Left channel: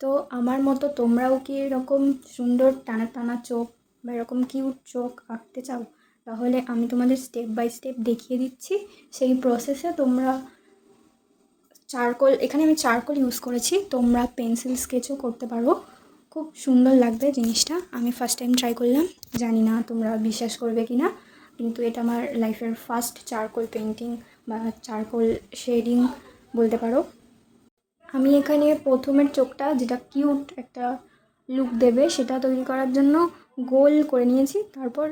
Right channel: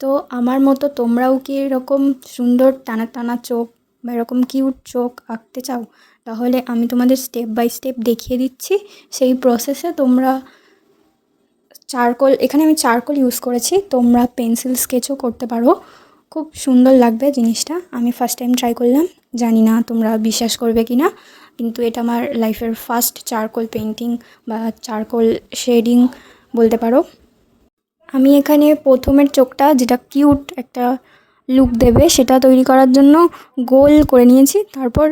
তো আমার মতো তোমরাও কি এরকম সুন্দর টানা টানা চোখ বা এরকম কিউট চোখ আঁকতে চাও? তাহলে আমি তোমাদের স্টেপ বাই স্টেপ দেখিয়ে দিচ্ছি। সেই প্রসেসে তোমরা এখানে আমি চারকোল ইউজ করেছি, তোমরা পেন্সিল স্কেচও করতে পারো। খুব সুন্দর লাগবে জিনিসটা। আমি ফার্স্ট টাইম ট্রাই করলাম, জানি না তোমরা বিশ্বাস করবে কি না, কিন্তু এটা আমার লাইফের ফার্স্ট চারকোল পেন্টিং বা চারকোল শেডিং বলতে পারো। আমি এখানে প্রথমের চোখটা, যেটা কিউট একটা লুক দেবে, সেটা তৈরি করার জন্য গোল করে নিয়েছি। তারপর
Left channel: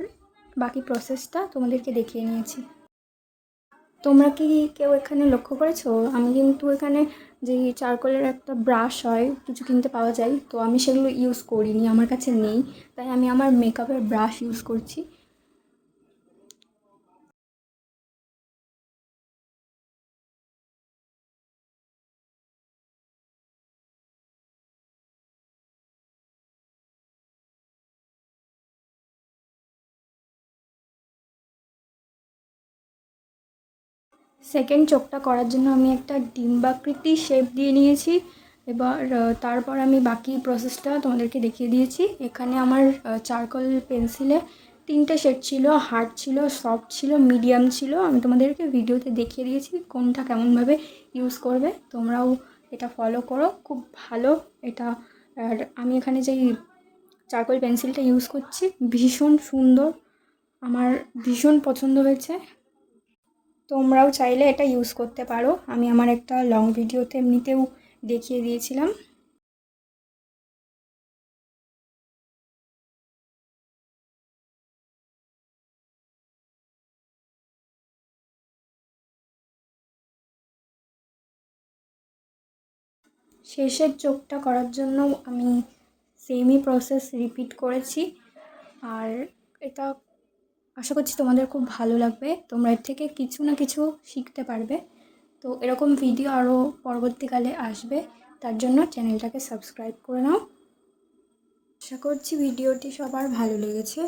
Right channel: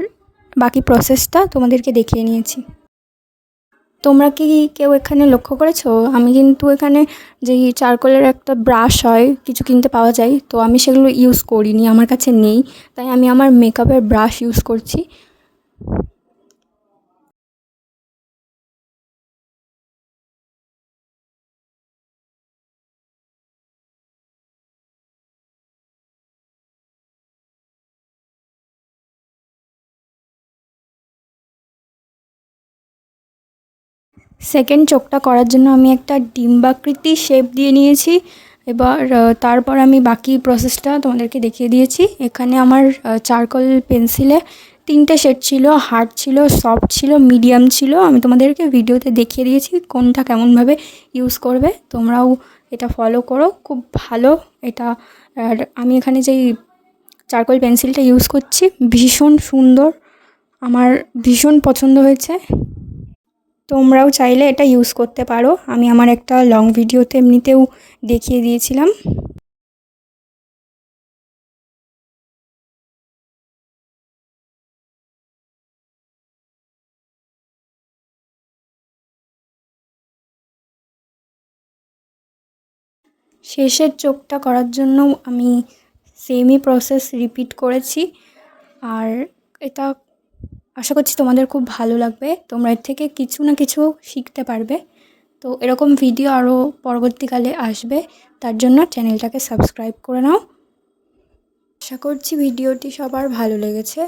বাকি প্রসেসটা তোমাদেরকে দেখিয়ে নিয়েছি। তোমরা কি কেউ এখানে লক্ষ্য করেছো, আমি কিন্তু এখানে যেই চারকোলের একটা ব্রাশ হয়, কিছু কিনতে পাওয়া যায়, তো আমি সেগুলো ইউজ করিনি, আমার কাছে নেই, তাই আমি আমার মেকআপের ব্রাশ ইউজ করছি। সেকেন্ড চোখটা করার জন্য আমি একটা ডিম্বাকৃতি শেপ দিয়ে নিয়েছি। এবার তারপর আমি বাকি প্রসেসটা তোমাদেরকে দেখিয়ে দিয়েছি। এখানে আমার চারকোল পেন্সিলে 3টে শেড ছিল, হার্ড ছিল, সফট ছিল, মিডিয়াম ছিল। আমি তোমাদেরকে ভিডিওতে দেখিয়ে দিয়েছি কোনটা কেমনভাবে ইউজ করবে। তোমরাও এটা ফলো করো, খুব ভালো এটা। আর আমি এখানে যেই চারকোল পেন্সিলটা ইউজ করছি, ভীষণ সুন্দর, আমার ভীষণ পছন্দ হয়েছে। তোমরাও চাইলে এটা ইউজ করতে পারো, আমি আমার একটা লং ভিডিওতে এমনিতেও দেখিয়ে দিয়েছিলাম। শেষের চোখটা করার জন্য আমি সেমই প্রসেস রিপিট করেছি। আর এটা আশা করছি তোমাদের খুব ভালো লাগবে, তোমরা এর থেকে কিছু না কিছু শিখতে পারবে। তো এরকম ভিডিও আরও পরবর্তীকালে আসবে, তার জন্য চ্যানেলটাকে সাবস্ক্রাইব করে নাও। আশা করছি ভিডিওটি সবার ভালো লেগেছে।